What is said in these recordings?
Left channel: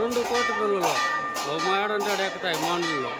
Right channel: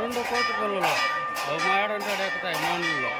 రెండు కోటి పిల్లలు ఓ మాడంటాడు ఎక్కుతాయి మానుల్లో.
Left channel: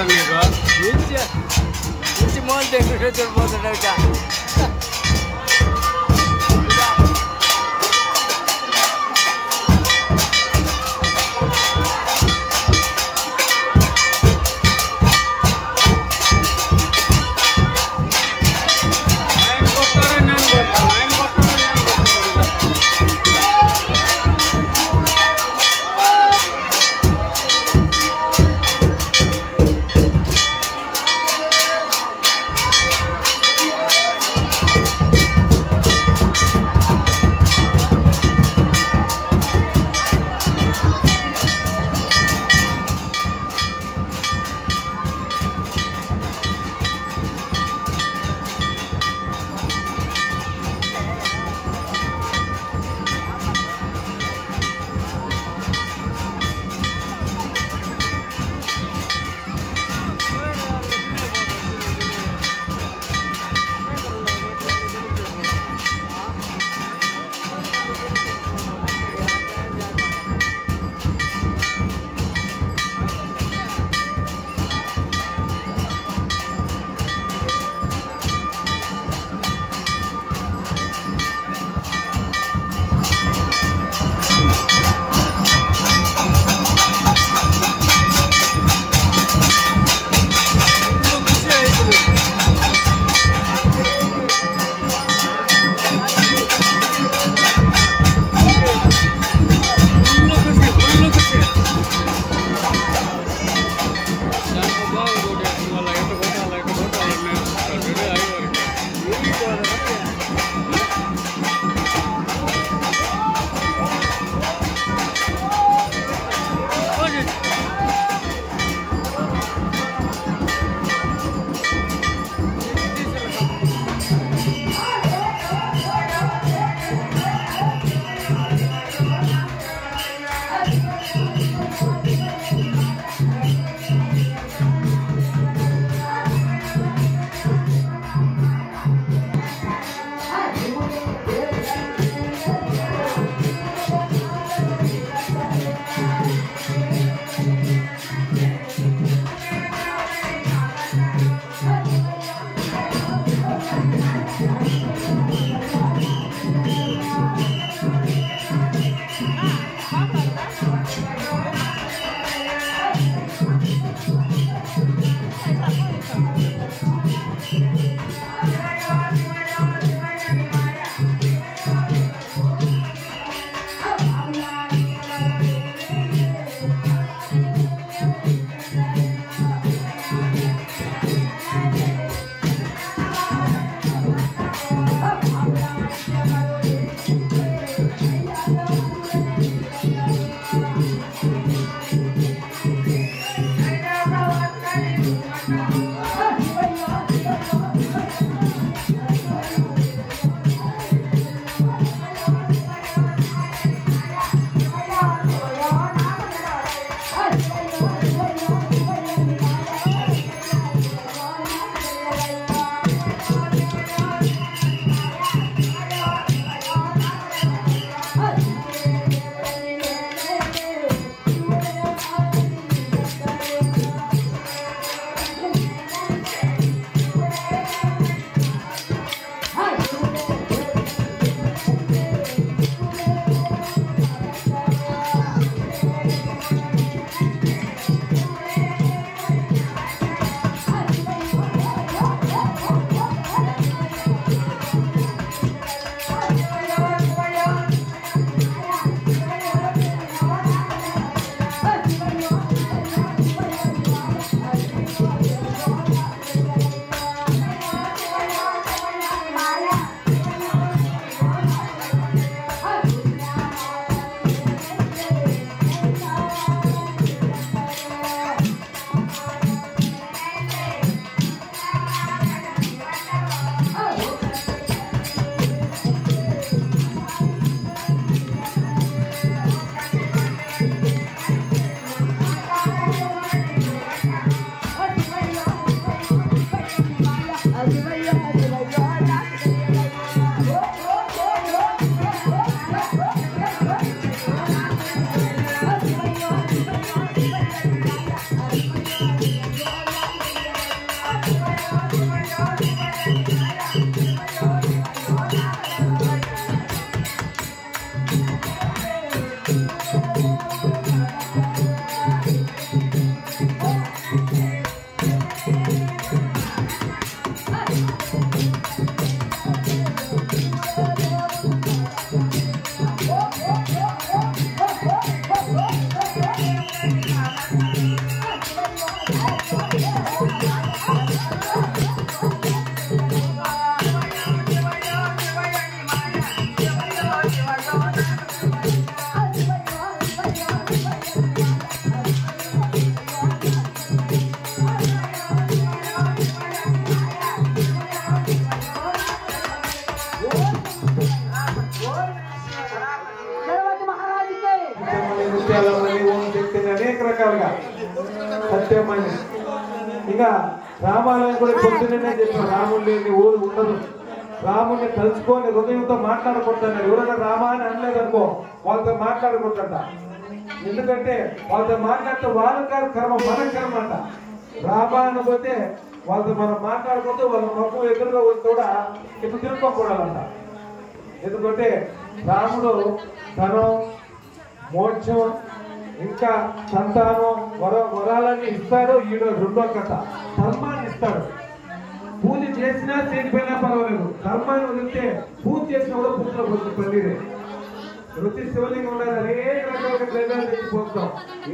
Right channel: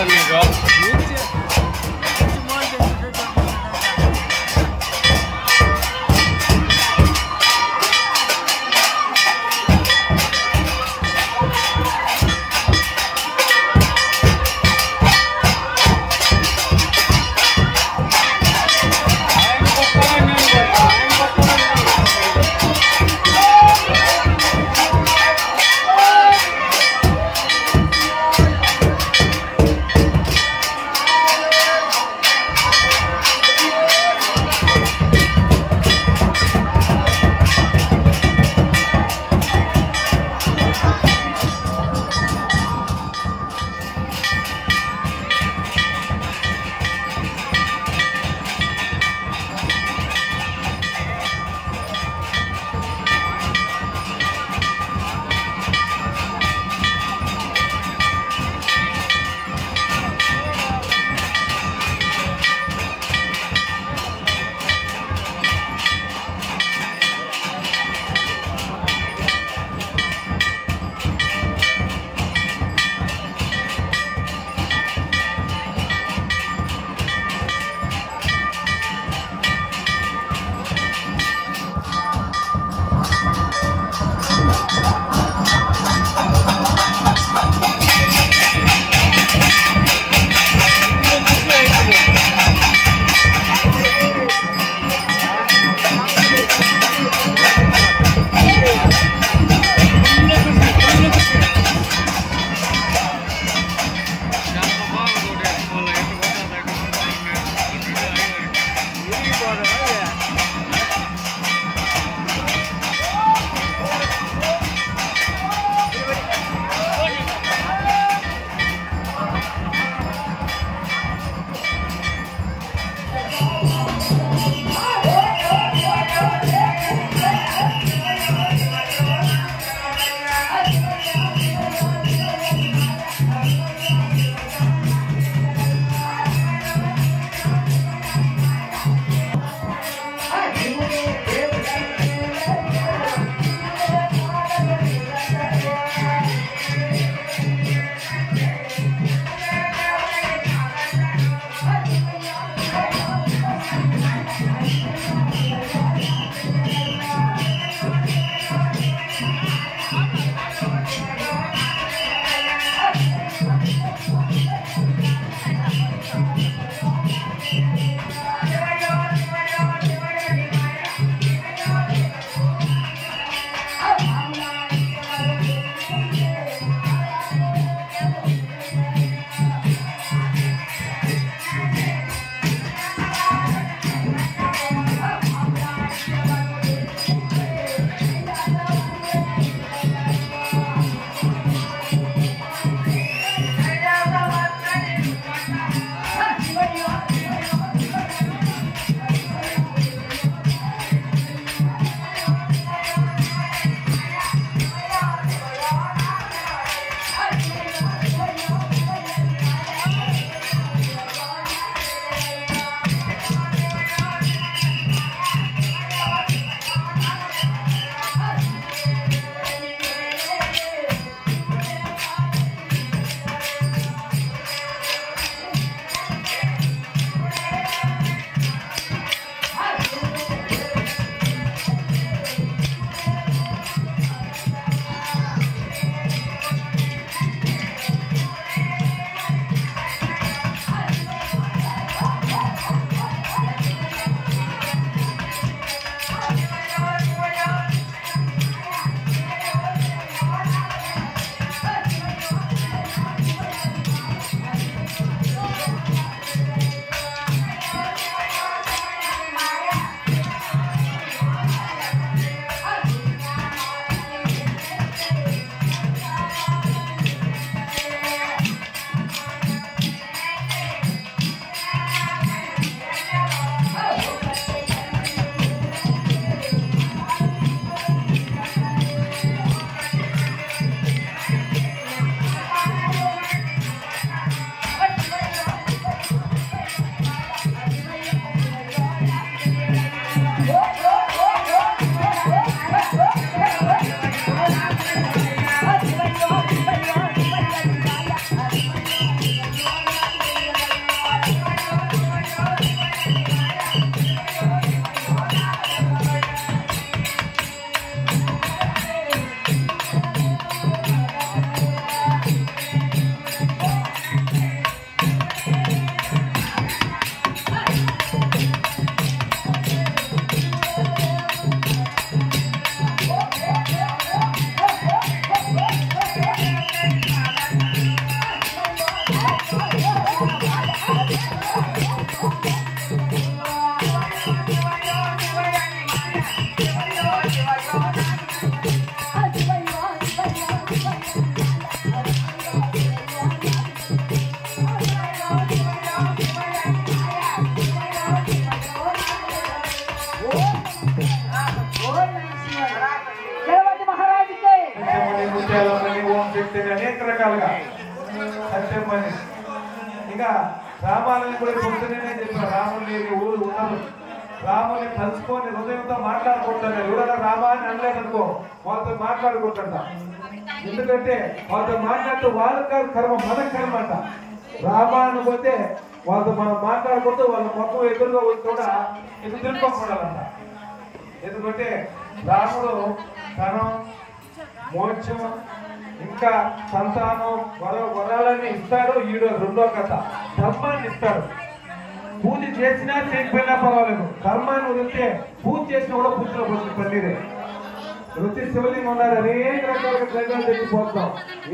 చెప్తాను నీకు రకాలుగా సత్యమని. ఇంకా రామాలయం కూడా పొద్దునే చెప్పారు, రాముడు లేని ఊరు ఉండదు. రాముని తలుచుకొని హృదయంతో మాట్లాడకూడదన్నారు. ఎవరైనా రామాన్ని అనలేదనుకో వాళ్ళతో మాట్లాడకూడదంట. ఎందుకంటే వాళ్ళతో మాట్లాడితే వాళ్ళ కర్మ మన కర్మ అంట. రామాయణ పోతే వాళ్ళతో మనం మాట్లాడుకుంటూ వాళ్ళ ముఖం ఎదురుగా వచ్చి కూడా ఎదురు తిరుక్కోకూడాలంట. ఎందుకంటే రాముడు ధనం, మోక్షం, ఇంకా సంతానం, వరాలని ఇస్తాడు. ఈడో రెండో కథ ధర్మాన్ని ఇస్తాడు. పూజ చేసినా చేయకపోయినా పర్వాలేదు, ధర్మాన్ని వదిలితే పూజ చేసినా కూడా పూజలో పోతుంది పన్నీరే. వచ్చి శివలింగం ఉన్నారు, అనేక రకాల ప్రజలు తెచ్చిపోతాం,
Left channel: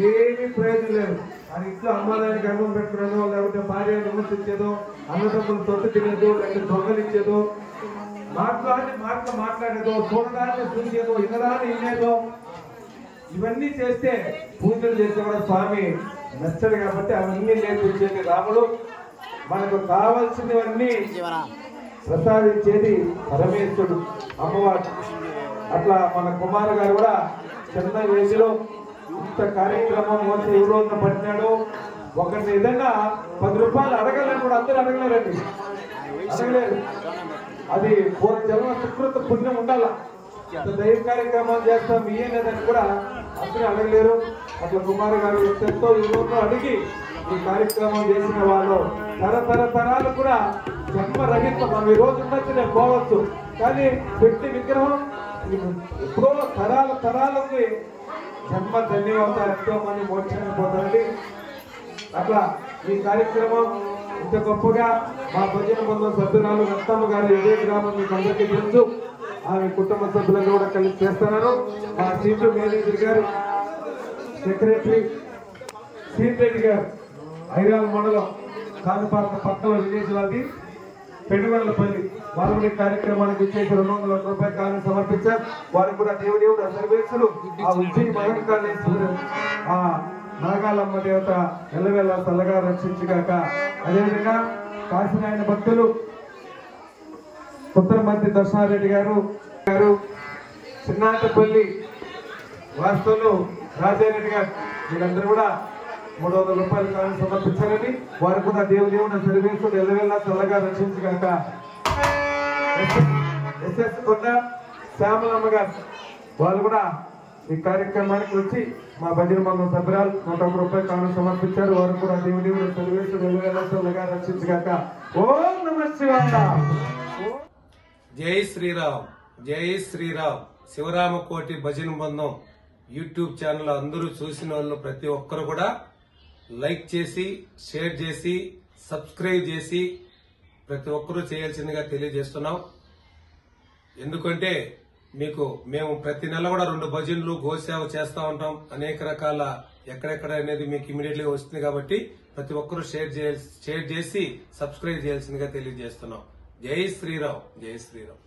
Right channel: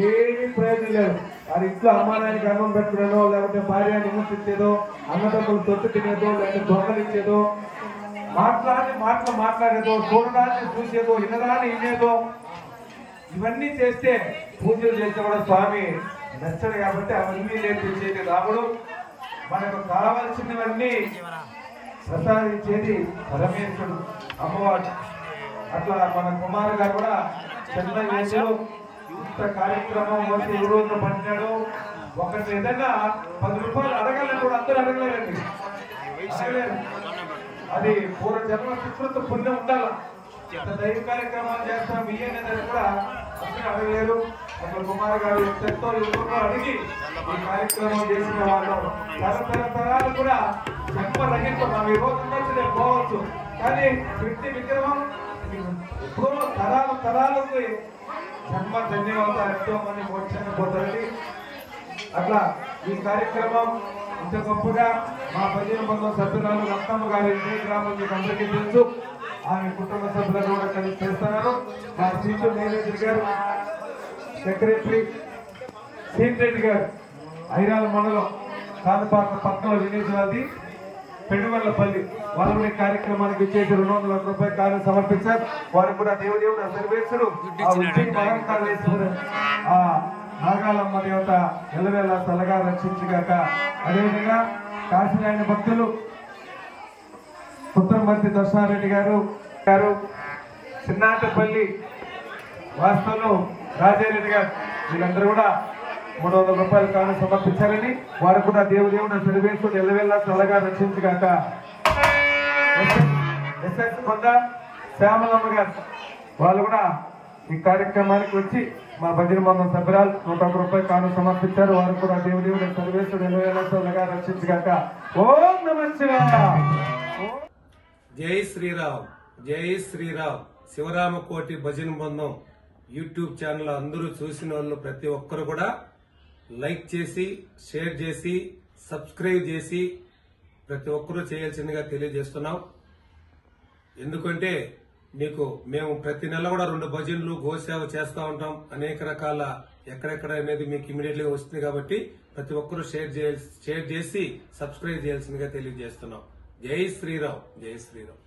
ఏమీ ప్రయోజనం లేదు. వారి ఇంట్లో అమ్మానానికి అన్నం పెట్టుకున్నానో, లేకపోతే భార్య నివసించేదో, అన్నదమ్ములు తొట్టు తినేదో, లేకపోతే దొంగలు ఇచ్చేదో, మాట్లాడేదో, చూడడాన్ని చూసేదో, వినదాన్ని వినేదో, ఇవన్నీ చేస్తే పూజలు చేస్తే కూడా స్వామి నచ్చడు. కాబట్టి అవన్నీ నేర్పించేది రాముడు. మనకు కావలసినవన్నీ ప్రసాదించేది పరమేశ్వరుడు, అమ్మవారు. అట్లా మన కుమార్ గారు కూడా చిన్న వయసులో ఇంత కార్యక్రమం వచ్చి ఏ రోజున పట్టినాడు. ఒకరిని ఏదైనా 10 రూపాయలు అడగలేని కూడా అందరూ అడగలేరండి, అడగలేరు. అది పూర్వజన్మ సుకృత పుణ్యం ఉండాల. ఇంత దైవ కార్యక్రమాలు చేస్తాం ఇయ్యలేదని కూడా అందరూ అడగలేరు. అట్లా కుమార్ గారు ఎంతో ఈ రోజు అడిగి ఈ కార్యక్రమం చేసిన వాళ్ళు తరతరాలు కూడా జన్మరహిత. మనం ఈ రోజు ఉన్నట్టు నేను పోవచ్చు, కానీ పెట్టి విగ్రహం ఎప్పుడో తరాలకి జన్మ ధన్యవాదాలు. ఎంతో మంది మోక్షంగా పోతారండి. అట్లా ఈ కార్యక్రమం ఇంత గొప్పగా మా భజన బృందం సభ్యురాలు రత్తమ్మ గారు ఇదే గ్రామం మీకు అందరికీ తెలుసు. ఆమె కుటుంబ సభ్యులను కూడా కలిసి చేస్తున్నారు. మా సీటు మేనేజర్ గారు, సెక్రటరీ సీన్ రెడ్డి గారు, ఐరాల మండలం కానుపాక పక్కల విలేజ్ వాళ్ళది పెనుగొండపల్లి, వాళ్ళు కూడా ఈ కార్యక్రమానికి ఇచ్చేసి 200 రూపాయలు కాను సమర్పించారు. వారు కూడా దేవుడు సర్వేశ్వరుడు ఆ నాగాలమ్మ దేవత ఎల్లవేళ తల్లగా రక్షించగాక. అదేవిధంగా కాశీనాయన భక్తులు పుత్రమంత్రి దర్శనారెడ్డి గారు, చిన్నాటపల్లి వాస్తవులు రాజారెడ్డి గారు, వీళ్ళందరూ కూడా 300 రూపాయలు కాను సమర్పించాలని. వారు కూడా దేవుడు సర్వేశ్వరుడు ఎల్లవేళ తల్లగా రక్షించగాక. ఎస్ఎస్ కొండ శ్యామలమ్మ గారు, వాళ్ళు కూడా ఈ కార్యక్రమానికి వచ్చి మా భజన మందం సభ్యురాలు 101 రూపాయలు కాను సమర్పించారు. వారు కూడా దేవుడు సర్వేశ్వరుడు ఎల్లవేళ తల్లగా రక్షించగాక. ఓం నమః శివాయ. జై శ్రీరామ్, జై శ్రీరామ్. శివరామకోటి భజన బృందం యూట్యూబ్ ఛానల్ అందరూ చూసిన వాళ్ళు ప్రతి ఒక్కరు కూడా లైక్ చేసి, షేర్ చేసి, సబ్స్క్రైబ్ చేసి ప్రతి ఒక్కరూ చేయాల్సిందిగా తెలియజేస్తున్నాం. ఎందుకంటే మేము ప్రతి నెల కూడా 2 భజనలు, గోసేవ చేస్తూ ఉంటాం. అనేక రకాల ఎక్కడెక్కడ అనేది మీకు ఇమీడియట్లీ వస్తుంది. కాబట్టి ప్రతి ఒక్కరూ షేర్ చేసి సబ్స్క్రైబ్ చేయాల్సిందిగా తెలియజేస్తున్నాం. జై శ్రీరామ్, జై శ్రీరామ్.